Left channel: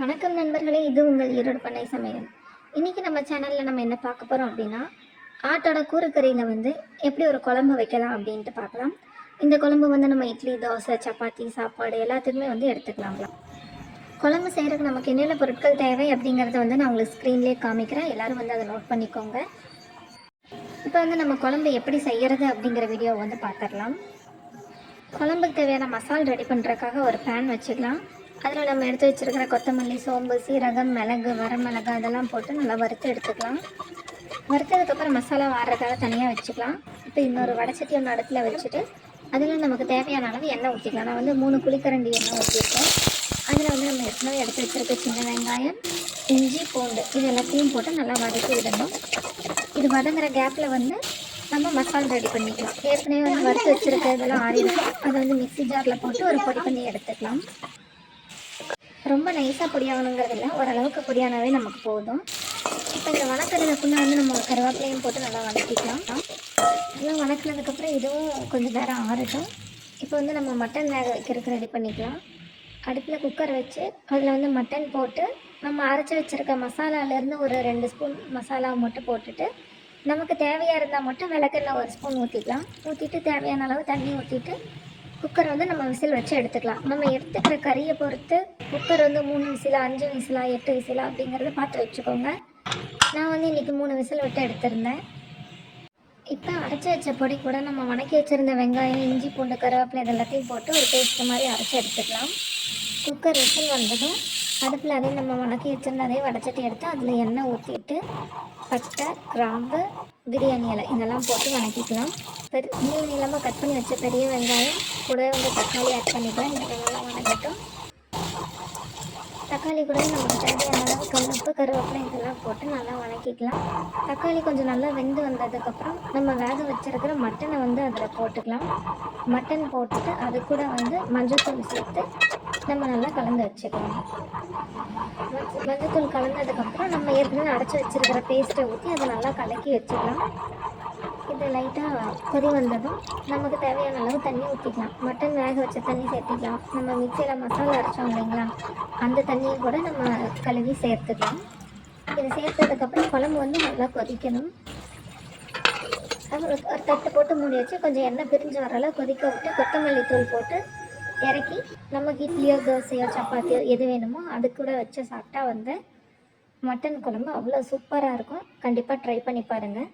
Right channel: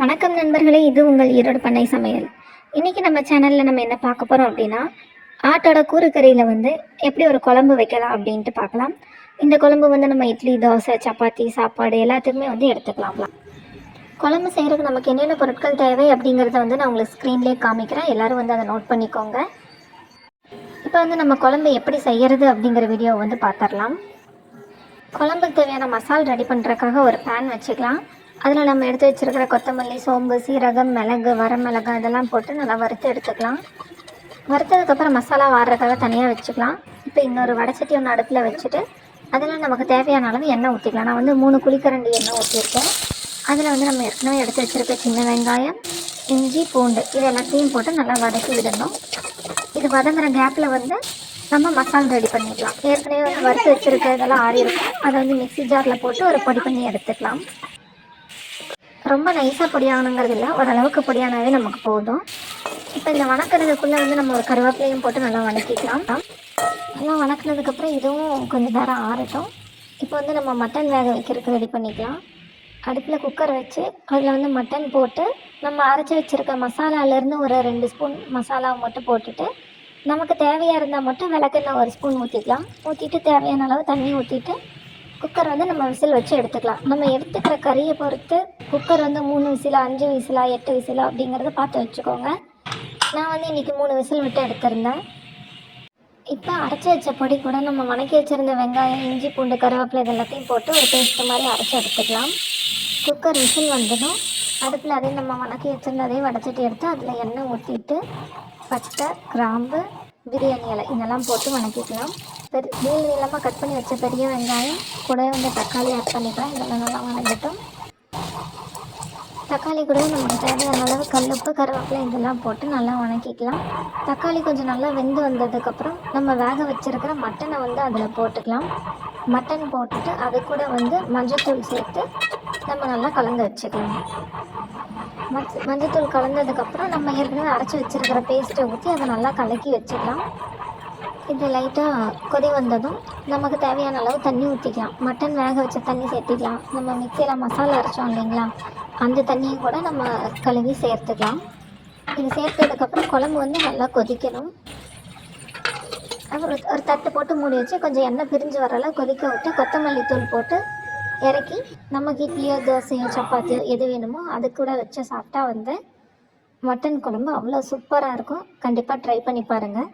வணக்கம் நண்பர்களே இது உங்கள் ஈரோடு பண்ணை சமையல். இன்றைக்கி நம்ம சேனலில் நம்ம என்ன பார்க்க போகிறோம் அப்படின்னா ஆட்டோட கூறுக்கறியில் வந்து எப்படி ஒரு குழம்பு வைக்கலாம் அப்படின்ட்டு பார்க்கலாம். இந்த குழம்பு வந்து நம்ம இட்லி தோசை சப்பாத்தி சாப்பாடு எல்லாத்துக்குமே வந்து எடுத்துக்கலாம்லாம் குழம்பு செய்கிறதுக்கு நமக்கு என்னென்ன பொருட்கள் தேவை அப்படிங்கிறத வந்து நான் உங்களுக்கு ஸ்க்ரீன்லேயே காமிக்கிறேன். எல்லோரும் வந்து அதை நோட் பண்ணிக்கோங்க. இப்போ வந்து நம்ம குழம்பு எப்படி செய்கிறது அப்படிங்கிற வீடியோ வந்து பார்த்துடலாம். குழம்புக்கு தேவையான மசால் ரெடி பண்ணுறதுக்காக ஒரு பேன் வச்சுக்கலாம். அதில் நம்ம எடுத்து வச்சிருக்கிற கொத்தமல்லி சோம்பு சீரகம் மிளகு வரமிளகு அதெல்லாம் போட்டு நல்லா வறுத்து எடுத்துக்கலாம். வறுத்ததுக்கப்புறம் மசாலா வாடுறதுக்காக தனியாக வச்சுக்கலாம். இப்போ இன்னொரு வடச்சட்டி ஒன்று அடுப்பில் வச்சுட்டு அதில் நமக்கு தேவையான அளவு எண்ணெய் ஊற்றிக்கலாம் நான் வந்து மூணு குழிக்கரண்டி எண்ணெய் ஊற்றிருக்கேன் அதில் வந்து நம்ம ஏற்கனவே எடுத்து வச்சுருக்க சின்ன வெங்காயம் இஞ்சி பூண்டு இது எல்லாத்தையும் போட்டு நல்லா வதக்கி விடணும். இது வதங்குற கேப்பில் வந்து நம்ம மசாலா ரெடி பண்ணிக்கலாம். ஏற்கனவே வந்து வறுத்து வச்சுருக்கிறதெல்லாம் ஆறி இருக்கும் அதை வந்து மிக்ஸி ஜாரில் போட்டு ஒரு பொடி பண்ணி எடுத்துக்கலாம். ரொம்ப நைஸாக பொடியாகணுங்கிறது இல்லை. ஓரளவுக்கு பொடியானாவே நமக்கு போதும். இப்போ இந்த வணக்கிறதுக்குள்ளே வந்து நம்ம ஒரு கருவேப்பிலையும் போட்டு நல்லா வணக்கிக்கலாம். நல்லா வணக்கினதுக்கப்புறம் இதுவும் கொஞ்சம் நேரம் ஆறட்டும். இப்போ வந்து நம்ம மட்டன் வேக வைக்கிறதுக்கு ரெடி பண்ணிக்கலாம். அடுப்பில் குக்கர் வச்சு அதில் வந்து மட்டன் போட்டு நம்ம அரைச்சி வச்சுருக்க மசாலாலேருந்து ஒரு ரெண்டு ஸ்பூன் மசாலாவை மட்டும் போட்டுட்டு நமக்கு தேவையாக இருந்தால் மட்டும் விளக்கெண்ணெய் ஒரு ஸ்பூன் ஊற்றிக்கலாம் ஊற்றிட்டு தேவையான அளவு தண்ணி ஊற்றிட்டு குக்கர் வந்து நம்ம விசில் வச்சு எடுத்துக்கலாம். நம்ம எடுத்துக்கிற கறியை பொறுத்து குக்கர் வந்து மூணு விசிலா அஞ்சு விசிலா எட்டு விசிலா அப்படிங்கிறத பார்த்து வச்சுக்கோங்க. நான் வந்து இன்றைக்கி மூணு விசில் விட்டு எடுத்திருந்தேன். இப்போ அரைச்சி வச்ச பொடி கூட நம்ம வணக்கி வச்சுருந்த வெங்காயம் இஞ்சி பூண்டு கருவேப்பிலை இது எல்லாத்தையும் போட்டு ஒரு பேஸ்ட் மாதிரி அரைச்சி எடுத்துக்கலாம். குக்கர் விசில் வந்ததும் அடுப்பில் அதையும் நம்ம வணக்கி வச்சுருந்ததையும் வடச்சட்டி எடுத்து அதில் எண்ணெய் ஊற்றிட்டு பட்டை கிராம்பு பிரியாணி இலை இதெல்லாம் போட்டு வணக்கிக்கலாம். பெரிய நீளமாக கட் பண்ணி வச்ச பெரிய வெங்காயம் கூடவே வந்து தக்காளி ஆட் பண்ணிக்கலாம். இதெல்லாம் நல்லா வணங்கட்டும். தக்காளி கூட நமக்கு தேவையான அளவு கல்லுப்பு கருவேப்பிலை இதெல்லாம் போட்டு நல்லா வணக்கிக்கலாம். தக்காளி கொஞ்சம் நல்லா வெந்து வந்ததுக்கப்புறம் நம்ம வேக வச்சிருக்கிற மட்டனை வந்து அதில் போட்டுக்கலாம். மட்டன் போட்டுட்டு அது கூட வந்து மஞ்சத்தூள் சேர்த்து நம்ம நல்லா கலந்து வச்சுக்கலாம். மஞ்ச- மஞ்சத்தூள் கலந்ததுக்கப்புறம் நம்ம ஏற்கனவே அரைச்சி வச்சிருக்கிற பேஸ்ட்டை ஊற்றி அதை நல்லா கலக்கி வச்சுக்கலாம். இது லைட்டாக கொதி வந்ததும் நமக்கு தேவையான அளவு தண்ணி ஊற்றிக்கலாம் மட்டன் வேக வச்ச தண்ணி சேர்த்திக்கலாம். நம்ம மிக்சியில் மசாலா அரைச்சோம் இல்லைங்களா? அந்த தண்ணியை கூட நம்ம கழுவி சேர்த்துக்கலாம். இது சேர்த்ததுக்கப்புறம் குழம்பு வந்து நல்லா கொதிக்கணும். அப்புறம் ஒரு தட்டு போட்டு மூடி வச்சு கொஞ்சம் எண்ணெய் பிரிஞ்சு வரல கொதிக்க விட்டு கொத்தமல்லி தூள் போட்டு இறக்கி நமக்கு இட்லியோ தோசையோ சப்பாத்தியோ எது வேணுமோ அது கூட வச்சு சாப்பிட்டா வந்து மட்டன் குழம்பு அவ்வளோ சூப்பராக இருக்கும். கண்டிப்பாக ட்ரை பண்ணி பாருங்கள்